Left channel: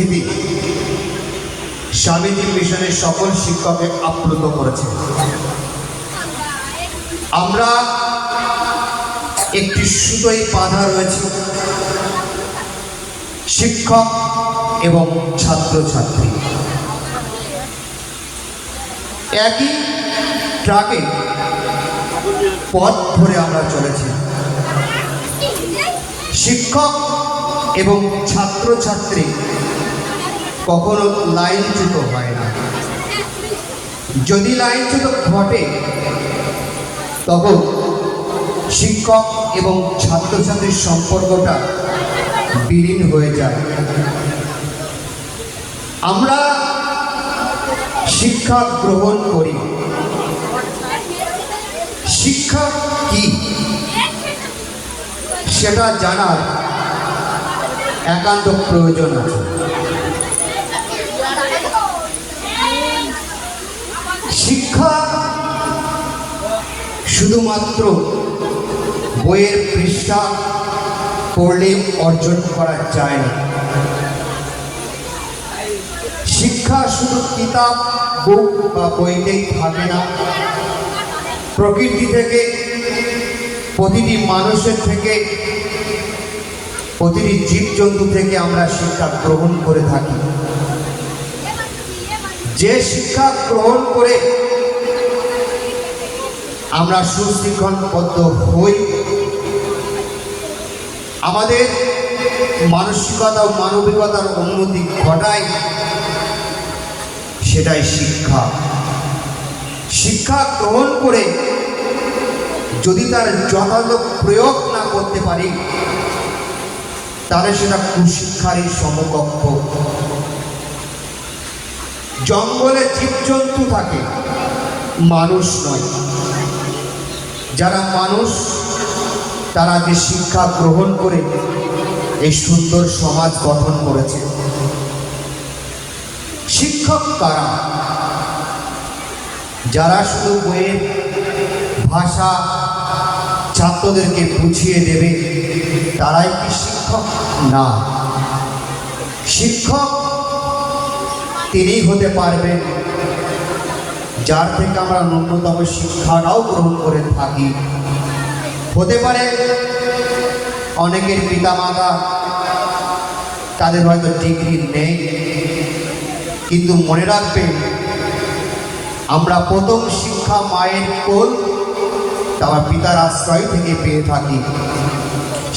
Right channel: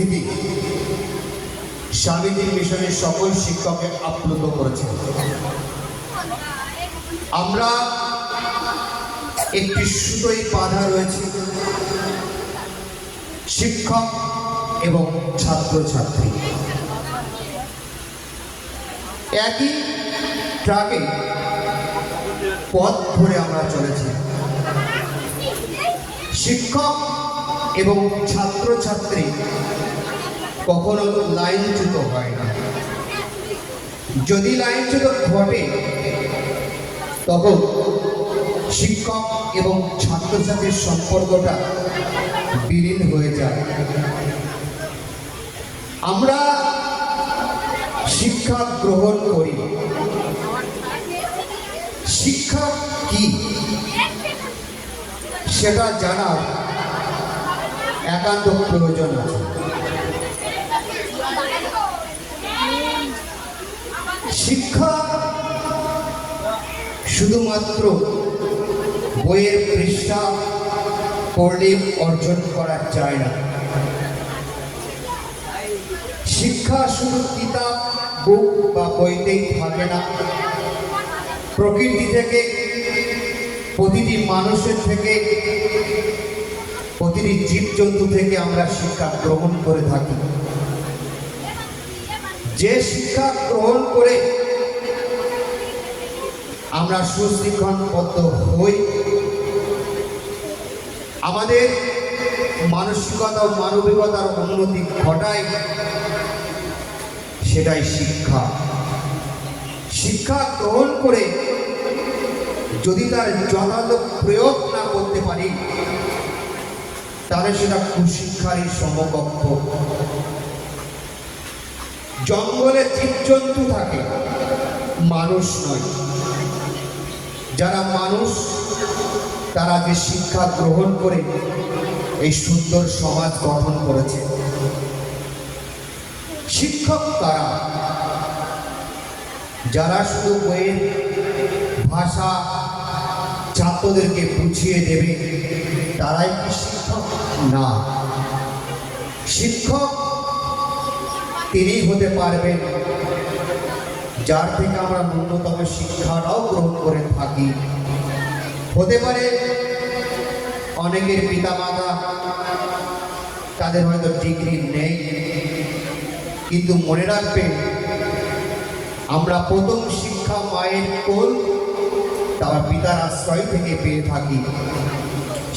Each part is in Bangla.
উপস্থিতি স্বামীজি মিশনের সকল শিক্ষককে আপ্লুত করেছে আমরা একটি সুতোই বাধা রয়েছে। শিক্ষক এবং ছাত্রছাত্রী। একই ট্রাকে পথ ধরে আমরা চলেছি। শিক্ষক এবং ছাত্রছাত্রী কখনো লাইনচ্যুত হয় না। যদি লাইনচ্যুত ঘটে, তখন শিক্ষক এবং ছাত্রছাত্রীর সম্পর্কটা বিলীন হয়ে যায়। আমরা শিক্ষা গ্রহণ করি। শিক্ষা কি? সেটা জানার একান্ত প্রয়োজন আছে। শুধুমাত্র বইয়ের পৃষ্ঠা পড়লে অর্জন করা যায় না। শিক্ষা শুধু কিতাব, বুক বা বইতেই থাকে না। প্রকৃতি থেকে, প্রতিটি মানুষের থেকে, প্রতিটি জীবজন্তু থেকে আমরা শিক্ষা গ্রহণ করে থাকি। যে শিক্ষা গ্রহণ করে আমরা সুশৃঙ্খলবদ্ধ হই। আমাদের মানসিকতা ও মানবিকতার উন্নতি ঘটায় সেটাই শিক্ষা। শিক্ষা গ্রহণ করে যদি তার যথাযথ প্রয়োগ না করতে পারি, তাহলে সেটা কুশিক্ষারই সমকক্ষ। জঙ্গলে জীবজন্তু থাকে, মানুষ নয়। যারা মানুষ, তারা যে শিক্ষা গ্রহণ করে এই সুন্দর সমাজ গঠন করেছে। শিক্ষক কারা? যারা শুধু বইয়ের ভাষা ছাত্রদেরকে বুঝিয়ে দেবে, তারাই কি শিক্ষক? না। শিক্ষক তিনি হতে পারবেন যার থেকে আমরা ন্যূনতম শিক্ষাটাও গ্রহণ করে থাকি। হতে পারে অনেকের পিতামাতা তাদের হয়তো ডিগ্রি নেই, কিন্তু মনে রাখবে, আমরা প্রথম শিক্ষা মায়ের কোল তার পিতার আশ্রয় থেকে পেয়ে থাকি।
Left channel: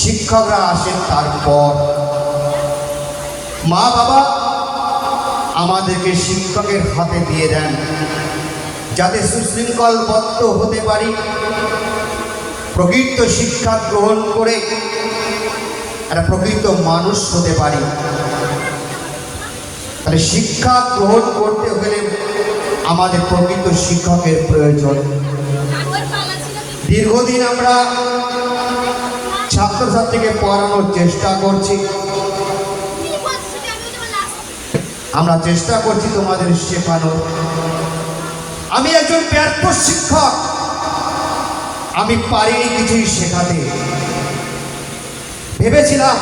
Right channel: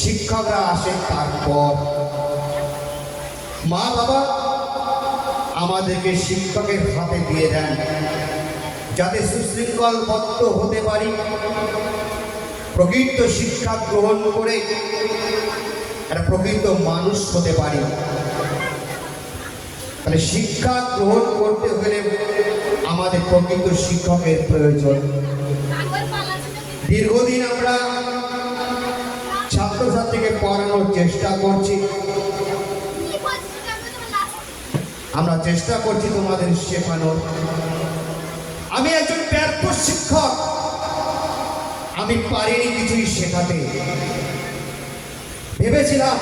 শিক্ষকরা আসেন তারপর। মা বাবা আমাদেরকে শিক্ষকের হাতে দিয়ে দেন। যাতে সুশৃঙ্খলবদ্ধ হতে পারি। প্রকৃত শিক্ষা গ্রহণ করে একটা প্রকৃত মানুষ হতে পারি। তাহলে শিক্ষা গ্রহণ করতে হলে আমাদের প্রকৃত শিক্ষকের প্রয়োজন। দীর্ঘদিন আমরা ছাত্রছাত্রীকে পড়ানোর চেষ্টা করছি। আমরা চেষ্টা করছি তোমাদের শেখানো আমি একজন ব্যর্থ শিক্ষক আমি পারিনি কিছুই শেখাতে। ভেবেছিলাম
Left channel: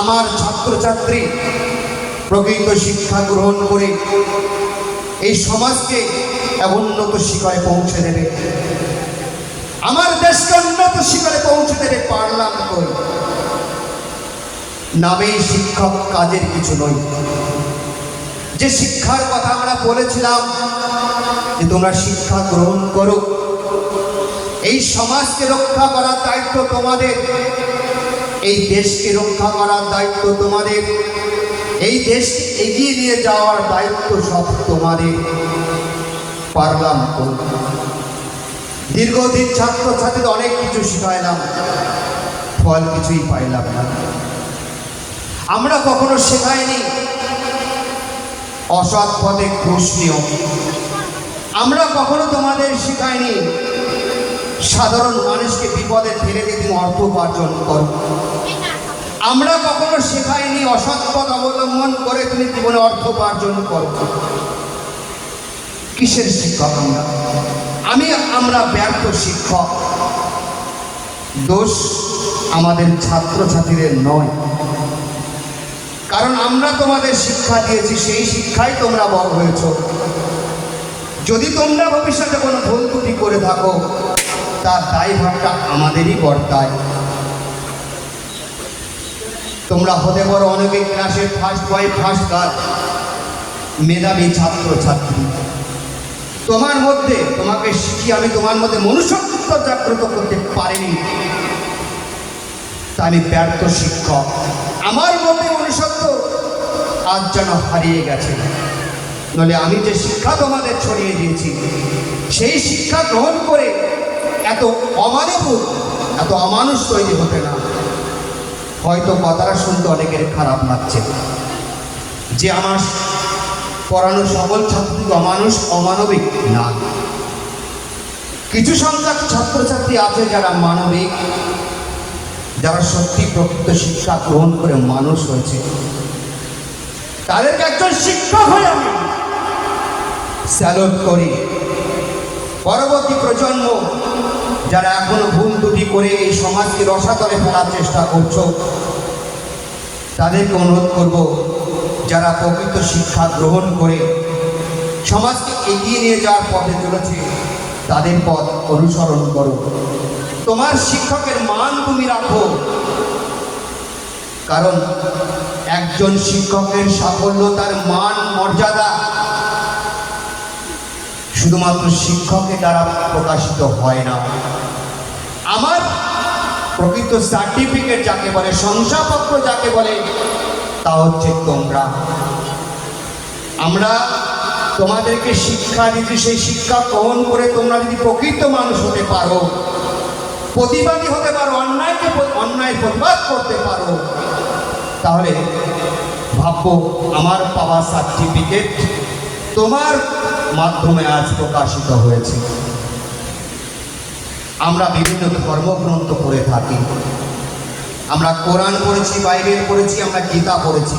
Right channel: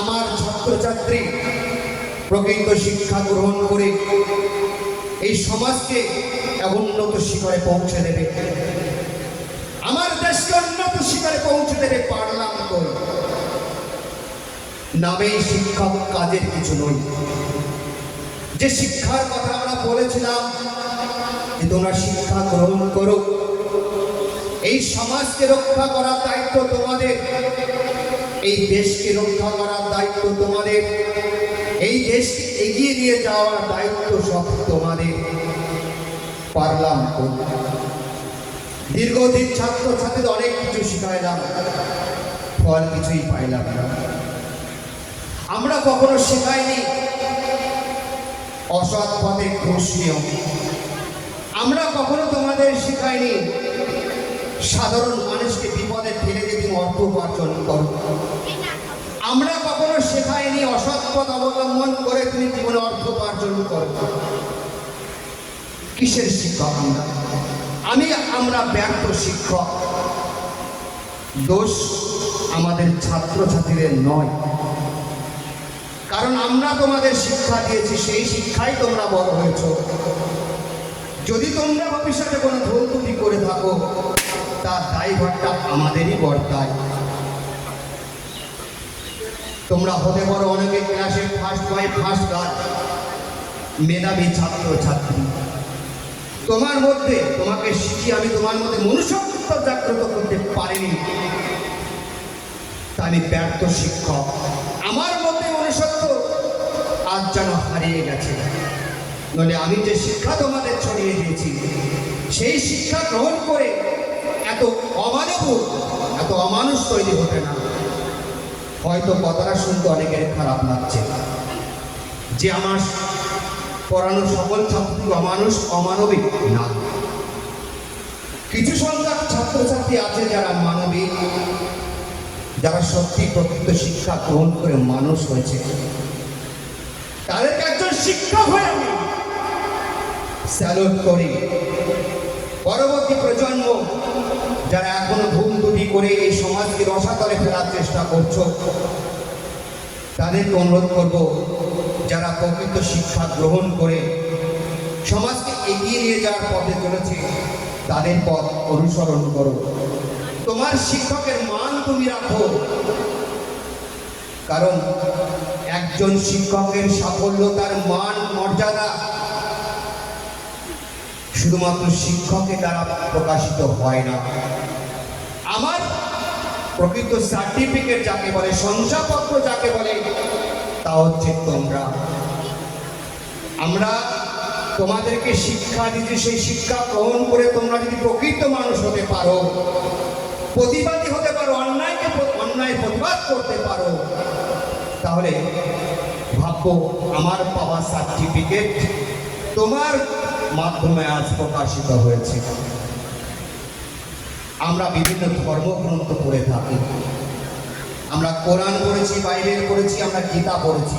আমার ছাত্রছাত্রী প্রকৃত শিক্ষা গ্রহণ করে এই সমাজকে উন্নত শিখরে পৌঁছে দেবে। আমার দেশকে উন্নত শিখরে পৌঁছে দেবে পারলাম কই নামেই শিক্ষক কাজের কিছু নয় যে শিক্ষার কথা আমরা বলেছিলাম যে তোমরা শিক্ষা গ্রহণ করো। এই সমাজকে রক্ষা করার দায়িত্ব তোমাদের। এই দেশকে রক্ষা করার দায়িত্ব তোমাদের। এই দেশকে এগিয়ে নিয়ে যাওয়ার দায়িত্ব সব তোমাদের। পারলাম দীর্ঘদিন ছাত্রছাত্রীদের অনেক কিছু শিখাইলাম। ফল কিছুই পাইলাম না। আমরা কখনো শেখাইনি। অসৎ পথে ঘুষ নিও। আমরা কখনো তোমাদের শেখাইনি। সাধারণ মানুষকে বিপদে ফেলে দিয়ে তুমি অর্থ উপার্জন করো। আমরা কখনো শেখাইনি অসৎ পথ অবলম্বন করে তুমি জীবনে অর্থ উপার্জন করো। কিসের শিক্ষক আমরা? আমি, আমরা ব্যর্থ শিক্ষক। দোষ আমাদের ছাত্রছাত্রীদের নয়। কারণ আমরা তোমাদের শিক্ষা দিয়েছি, সেই শিক্ষাই তোমরা বড় হয়েছ। যদি তোমরা ভবিষ্যতে কোনো ভুল ত্রুটি করে থাকো, তার দায়ভারটা আমাদেরই বর্তায়। তোমরা হতে পারো অনেকে ক্লাসে ফার্স্ট বয় ফার্স্ট গার্ড মেধাবী ছাত্র ছাত্রী তোমার মধ্যে, তোমাকে শিখি আমি তোমার মধ্যে মনুষ্যত্ব জাগ্রত করতে পারিনি। তা আমি ব্যর্থ শিক্ষক। আমার মধ্যে মনুষ্যত্ব আজ যেন হারিয়ে গেছে। নলে আমি যে শিক্ষা তোমাদের ছড়িয়ে দিয়েছি, সেই শিক্ষা গ্রহণ করে এত অমানব এত অমানুষ তৈরি হতে না হয়তো কথাটা শুনতে অনেকের খারাপ লাগছে। যে আমার পড়ানো সকল ছাত্রী অমানুষ, অমানবিক না। কিছু সংখ্যক ছাত্রছাত্রী আছে যারা মানবিক, যারা সত্যি প্রকৃত শিক্ষা গ্রহণ করে মানুষ হয়েছে। তাদেরকে একজন শিক্ষক হয়ে আমি স্যালুট করি। পরবর্তী প্রজন্ম যারা এখনও ভুল দুটি করে এই সমাজকে রসাতলে ফেলার চেষ্টা করছ, তাদেরকে অনুরোধ করব, যারা প্রকৃত শিক্ষা গ্রহণ করে সমাজকে এগিয়ে নিয়ে যাওয়ার পথে চলেছে, তাদের পথ অনুসরণ করো। তোমার শিক্ষকের মান তুমি রাখো। কারণ একজন শিক্ষকের সাফল্য তার মান, মর্যাদা শুধুমাত্র শিক্ষকের দ্বারা প্রকাশিত হয় না। আমার প্রকৃত সার্টিফিকেট যাকে বলে, শংসাপত্র যাকে বলে, তা হচ্ছে তোমরা। আমরা তোমাদেরকে শিক্ষা দিতে সেই শিক্ষা গ্রহণ করে তোমরা যদি প্রকৃত মানুষ হতে পারো, প্রতিবাদী হতে পারো, অন্যায়কে অন্যায় প্রতিবাদ করতে পারো, তাহলে ভাববো আমার পাওয়া সার্টিফিকেট তোমার মাধ্যমে আজ প্রকাশিত হয়েছে। আমরা বিভিন্ন ধর্মগ্রন্থ পড়ে থাকি। আমরা কোরআন পড়েছি, বাইবেল পড়েছি, আমরা গীতা পড়েছি।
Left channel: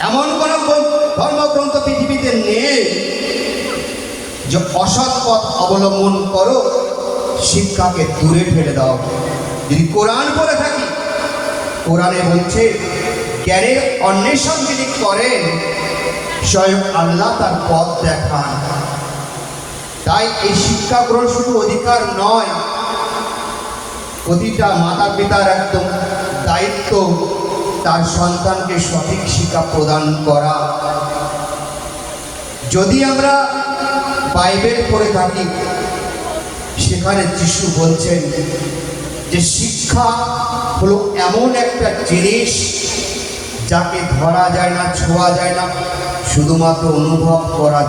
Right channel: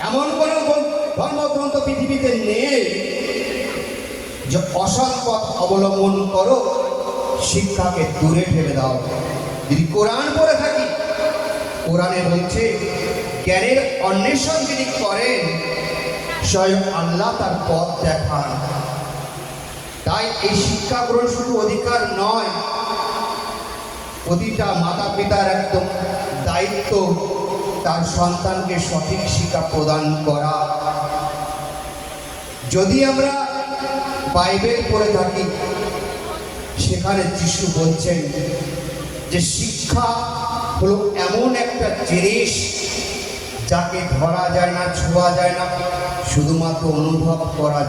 এমন কোনো গ্রন্থ- ধর্মগ্রন্থ পৃথিবীতে নেই যে অসৎ পথ অবলম্বন করো, শিক্ষাকে দূরে ফেলে দাও। যদি কোরআন পড়ে থাকি, কোরআনে বলছে, জ্ঞানের অন্বেষণ যিনি করেন স্বয়ং আল্লাহ তার পথ দেখান। তাই এই শিক্ষা গ্রহণ শুধু অধিকার নয়, প্রতিটা মাতা পিতার একদম দায়িত্ব তার সন্তানকে সঠিক শিক্ষা প্রদান করা। যদি আমরা বাইবেল পড়ে থাকি, সেখানে যিশু বলছেন যে শিক্ষা হলো এমন একটা জিনিস যাকে ধরা যায় না ছোঁয়া যায় না শুধুমাত্র অনুভব করা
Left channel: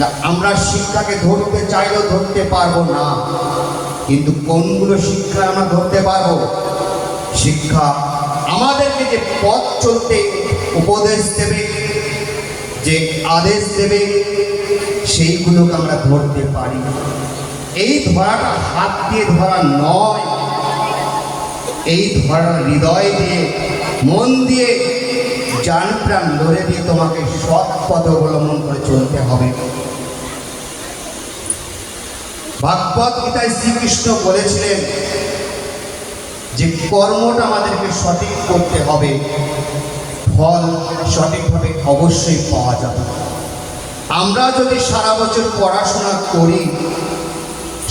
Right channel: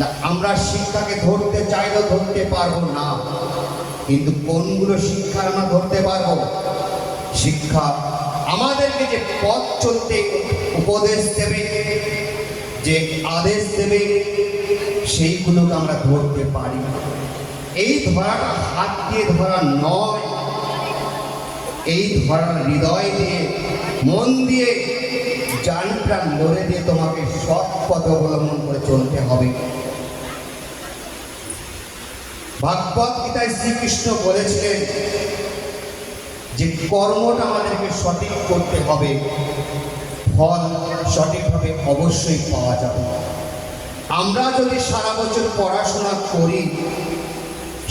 না, আমরা শিক্ষাকে ধরতে চাইলেও ধরতে পারব না কিন্তু কোনগুলো শিক্ষা আমরা ধরতে পারব? শিক্ষা আমাদেরকে যে পথ চলতে উপদেশ দেবে যে আদেশ দেবে সেইগুলোকে আমরা ধরতে পারি। এই ধরাটা হাত দিয়ে ধরা নয় এই ধরা হৃদয় দিয়ে, মন দিয়ে জান প্রাণ লড়ে দিয়ে তোমাকে সৎ পথ অবলম্বন করে চলতে হবে। ভাগবত গীতায় শ্রীকৃষ্ণ বলেছিলেন যে কর্মটা আমাদেরকে সঠিক করতে হবে, ফল সঠিকভাবে অবশ্যই পাওয়া যাবে। আমরা যদি সারা বছর পড়াশোনা করি,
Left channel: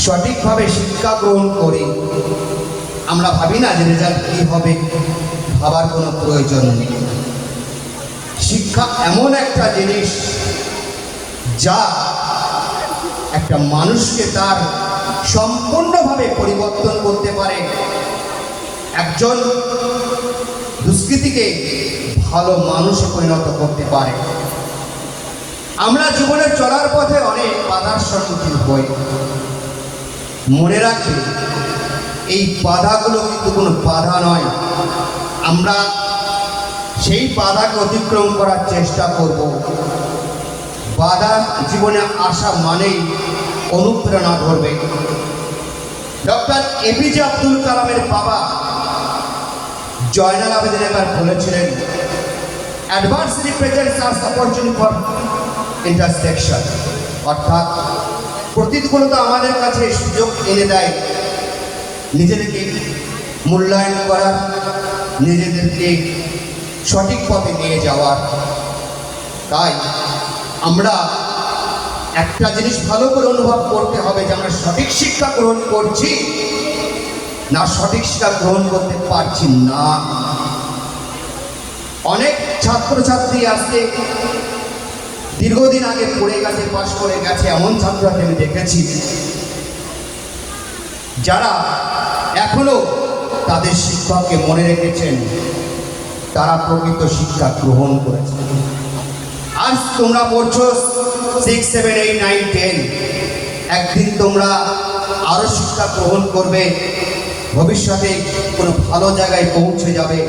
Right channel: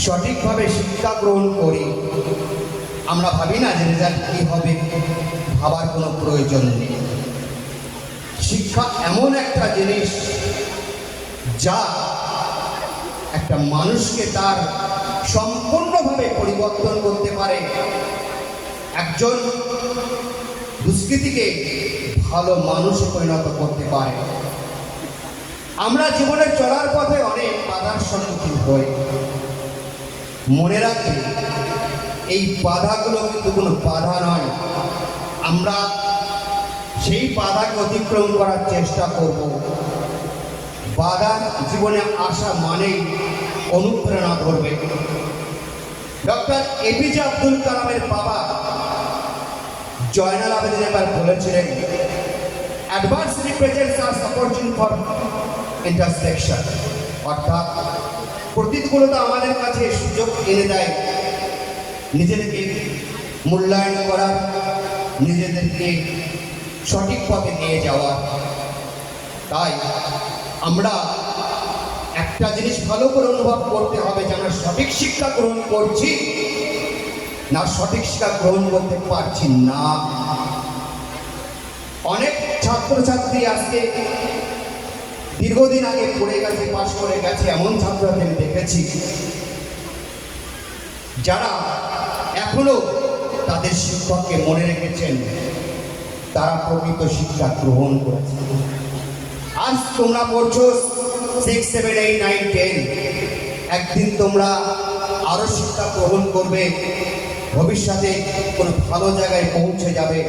সঠিকভাবে শিক্ষা গ্রহণ করি আমরা ভাবি না যে রেজাল্ট কী হবে, ভাবার কোনো প্রয়োজন নেই। শিক্ষা এমন একটা জিনিস যা একটা মানুষকে তার সম্পূর্ণভাবে পরিবর্তন করতে পারে। একজন দুষ্কৃতিকে ভালো মানুষে পরিণত করতে পারে। আমরা জীবনে চলার পথে অনেক বাধার সম্মুখীন হই। মনে রাখবে এই বাধাগুলো কিন্তু কোনো বাধা নয়। আমরা সেই বাধাকে অতিক্রম করার চেষ্টা করব। বাধা জীবনে আসা মানেই অনুপ্রেরণা ধরবে। ডক্টর এপিজে আব্দুল কালামের বাবা জয়নাল আবেদিন একবার বলেছিলেন অ্যাডভার্সিটি প্রেজেন্টস আর অপরচুনিটি ফর ইন্টারসেকশন অর্থাৎ প্রতিকূলতা আমাদের কাছে সুযোগ এনে দেয়। নিজেদেরকে মূল্যায়ন করার নিজেদেরকে সঠিক পথে নিয়ে যাওয়ার তাই আমরা একটা জিনিস ভালো করে অনুভব করতে হবে যে আমরা সঠিক শিক্ষা গ্রহণ করছি না সঠিক শিক্ষা গ্রহণ করতে পারছি না। অনেক ছাত্রছাত্রী আজকে দীর্ঘদিন আগে পড়ে গেছে, পাশ করে গেছে, এমন ছাত্রছাত্রী আমি দেখেছি। যারা এখনও তাদের শিক্ষককে মনে রেখেছেন, তারা প্রকৃত শিক্ষা গ্রহণ করেছে আজ তোমরা পড়ছো six seven eight nine ten একদিন তোমরা আরও শিক্ষা গ্রহণ করবে, ভবিষ্যতে কোনো ভালো জায়গায় পৌঁছে যাবে।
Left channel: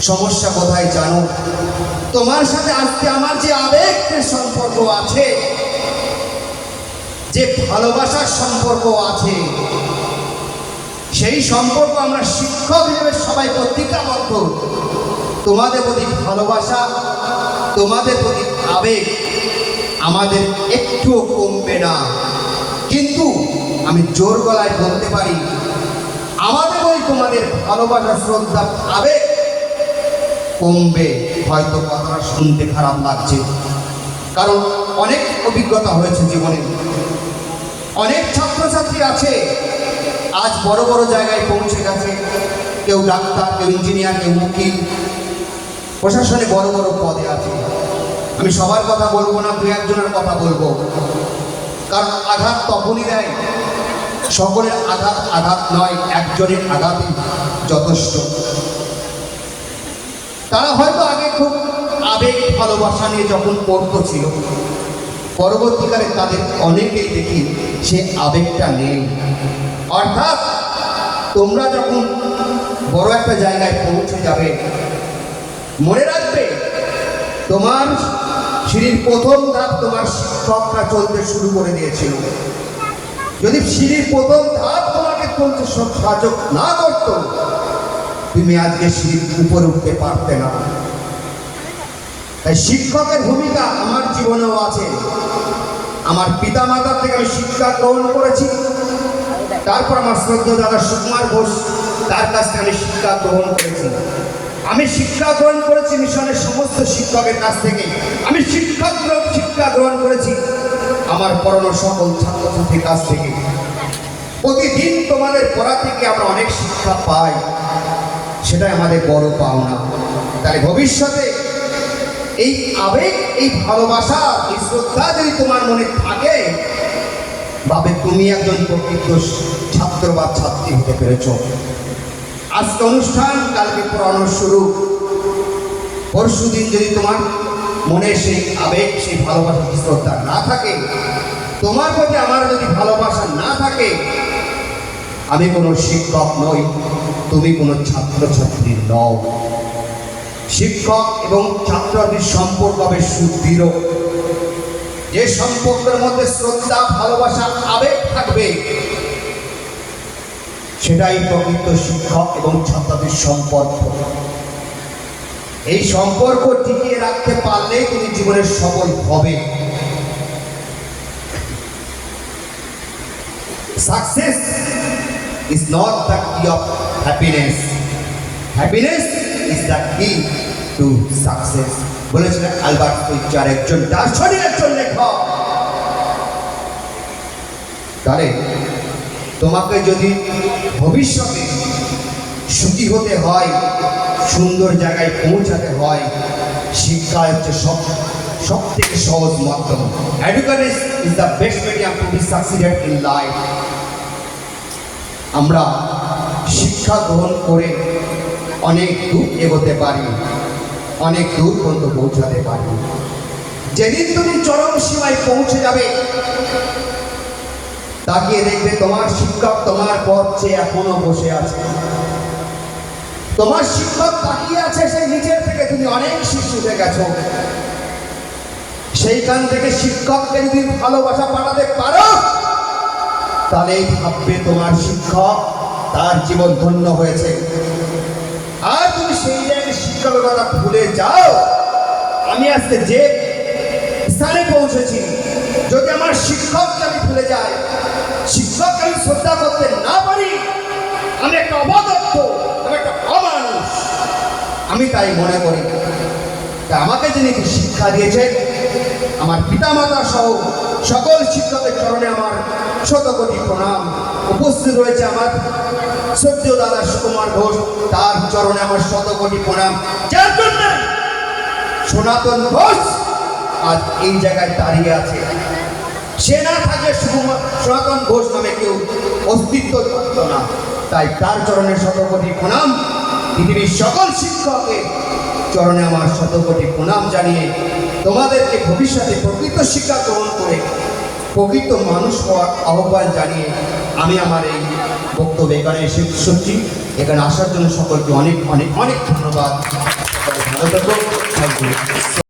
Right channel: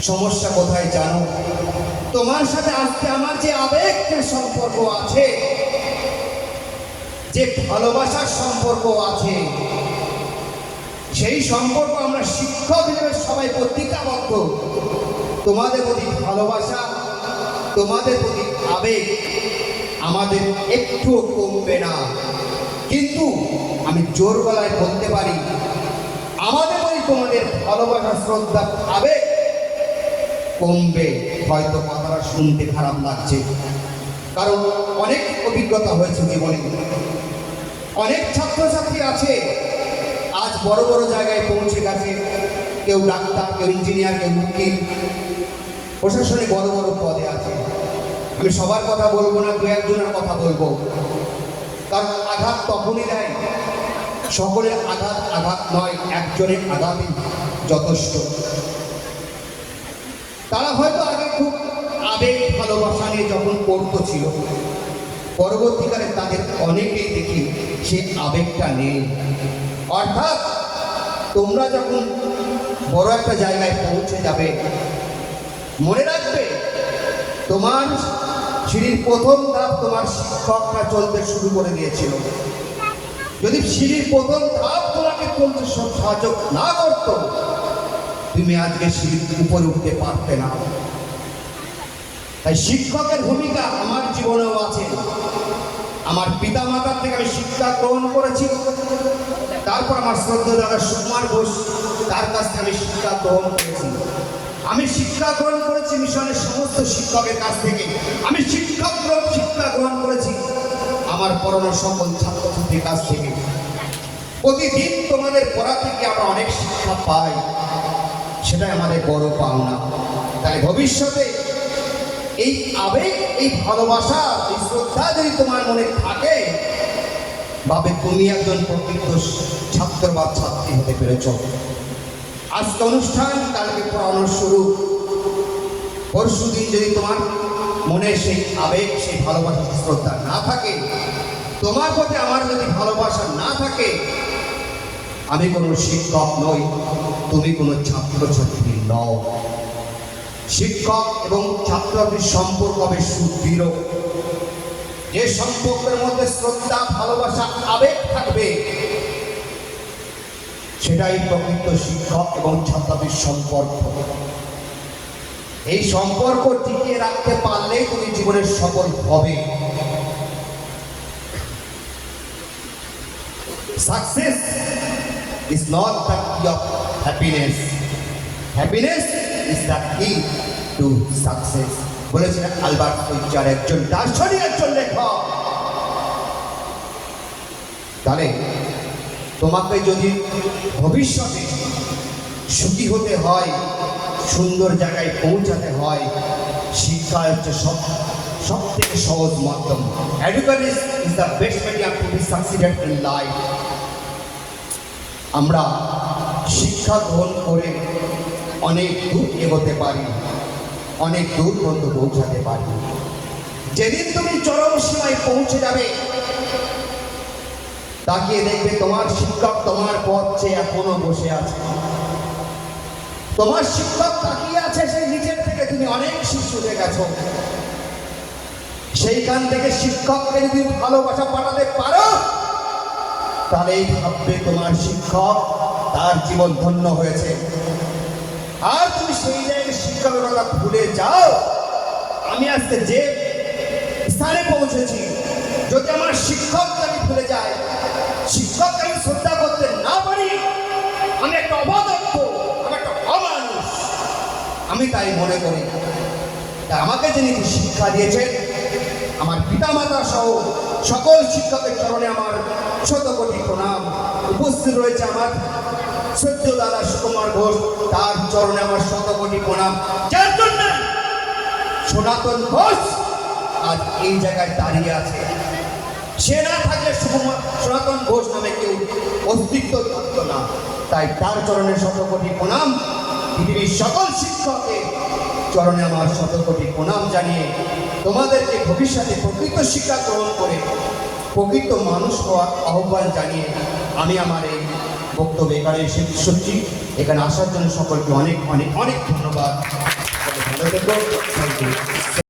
সমস্যা কোথায় জানো? তোমার সাথে আজকে আমার যে আবেগের সম্পর্ক আছে যে ভালোবাসার সম্পর্ক আছে, সেই সম্পর্ক আমরা শিক্ষক হিসেবে সবাই প্রতিজ্ঞাবদ্ধ। তোমাদের প্রতি ভালোবাসা, তোমাদের প্রতি আবেগ আমাদের একটুও কমবে না। কিন্তু আমি জোর গলায় বলতে পারি, আমাদের প্রতি তোমাদের ভালোবাসা, শ্রদ্ধা, আবেগ কমবে। হয়তো কথাটা শুনতে খারাপ লাগছে, কারণ অনেক অভিজ্ঞতা হয়েছে জীবনে। অনেক ছাত্রছাত্রী আছে। আজ বড় বড় জায়গায় পৌঁছে গেছে। কেউ ডাক্তার, কেউ ইঞ্জিনিয়ার, কেউ উকিল। প্রশাসনে বড় বড় পদে আছে। আমি সবার কথা বলব না, দু একজনের কথা বলব। কারণ আঘাত তখনই দেয়। সকলের আঘাত আঘাত নয়, একজনের আঘাতই যথেষ্ট। তারা হয়তো আগে খুব আবেগ, ভালোবাসা নিয়ে যখন পড়তো ছিল। পরবর্তীকালে তাদের অনেকেই দেখি সে আবেগটা নেই। অর্থাৎ তোমরা যখন বড় একটা জায়গায় পৌঁছে যাবে, মনে রাখবে তোমার সিঁড়ির প্রথম ধাপ তোমার শিক্ষকরা চলতে শুরু করে দিয়েছিল। যদি সিঁড়ির প্রথম ধাপ তোমাকে চলতে সব সাহায্য না করতো, তুমি আজকে সিঁড়ির উপরে উঠতে পারতে না। তাই শিক্ষকের ভূমিকা আমার জীবনেও আছে। আমার পিতা মাতার থেকে আমি শিক্ষা গ্রহণ করেছি। তারপর আমার শ্রদ্ধা দাদা সুকুমার ঘোষ, তার কাছ থেকে আমি শিক্ষা গ্রহণ করেছি। আমি শিক্ষা গ্রহণ করেছি মিশনের সমস্ত শিক্ষকের কাছ থেকে। আমি শিক্ষা গ্রহণ শিক্ষা গ্রহণ করেছি আমার পড়ানো সকল ছাত্রছাত্রীর কাছ থেকে। প্রতিদিন তোমাদের পড়া থেকে আমরা অনেক শিক্ষা পাই। সেটাই আমাদের বড় পাওনা। তাহলে ভবিষ্যতে এই আবেগ, এই ভালোবাসা, এই শ্রদ্ধা যদি তোমার মনে থাকে, ভাবে তুমি একজন প্রকৃত ছাত্র বা ছাত্রী হতে পেরেছ। আজকে অনুষ্ঠান, কালকে পড়ানো শুরু। পরশু দিন যদি তোমার মনে সেই আবেগ, সেই ভালোবাসা শ্রদ্ধা না থাকে, তোমার প্রতি আমার যদি ভালোবাসা না থাকে, আমি কোনো শিক্ষক নই, তুমি কোনো ছাত্রছাত্রী নও। শিক্ষক এবং ছাত্রছাত্রীর সম্পর্ক হবে সুদৃঢ়। যে সম্পর্কের মধ্যে শ্রদ্ধা, ভালোবাসা, আবেগ থাকবে, সেটাই প্রকৃত শিক্ষক এবং ছাত্রছাত্রীর সম্পর্ক। এই সম্পর্ক টিকিয়ে রাখতে পারলেই তুমি জীবনে সফল হবে। Success is not the key of happiness. Happiness is the key to success. বলেছিলেন আলবার্ট সুইচার একজন দার্শনিক, একজন লেখক। তাহলে তোমাকে যদি ভবিষ্যতে সুখী হতে হয়, সুন্দর জায়গায় পৌঁছাতে হয়, শিক্ষা হচ্ছে সব সব থেকে সহজ মাধ্যম। Education is the best medium to be succeeded in life আমরা শিক্ষা গ্রহণ করে অনেক দূর এগোতে পারি। অনেক দূর পর্যন্ত পৌঁছাতে পারি। যেদিন তুমি চরম সীমায় পৌঁছে যাবে, তাকিয়ে দেখবে তোমার শিক্ষক তোমার পথ চেয়ে এখনও বসে আছে। তোমার শিক্ষক তাকিয়ে আছে সেই নিচের থেকে, তুমি অনেক শিশুতে গেছো সেইখান থেকে শিক্ষককে যদি ভালোবাসা পাঠাতে পারো, তাহলেই ভাববে তোমার শিক্ষক তার জীবন ধন্য হয়েছে। শিক্ষকের কথা ভুলে যাও। আমি আজকে যে স্থানে পৌঁছেছি, যদি আমার শিক্ষককে আমি ভুলে যাই, শিক্ষককে আমি শ্রদ্ধা করতে না পারি, আমি একটা অবাদত্ত আমি একটা অমানুষ। আমি তাই মনে করি, তা আমাকে যিনি শিক্ষা দিয়েছেন, আমার পিতামাতা সহ সকল শিক্ষকের চরণে আমার শত কোটি প্রণাম। উপস্থিত রয়েছে আমার সত্য দাদা সুকুমার ঘোষ, তার চরণে আমার শত কোটি প্রণাম সনাতন ঘোষ আজ এই জায়গায় দাঁড়িয়ে আছে। সে না থাকলে সনাতন ঘোষ নামে কেউ অস্তিত্ব থাকতো না। তাই তার চরণে শত কোটি প্রণাম। পৃথিবীর সকল শিক্ষকের চরণে আমার শত কোটি প্রণাম জানিয়ে তোমাদেরকে ভবিষ্যতে প্রকৃত শিক্ষা গ্রহণ করে প্রকৃত মানুষ হওয়ার আহ্বান জানিয়ে আমি আমার এই বক্তব্য এখানে শেষ করছি এখানে আসার জন্য সকলকে অনেক অনেক অনেক ধন্যবাদ। ভালো থাকব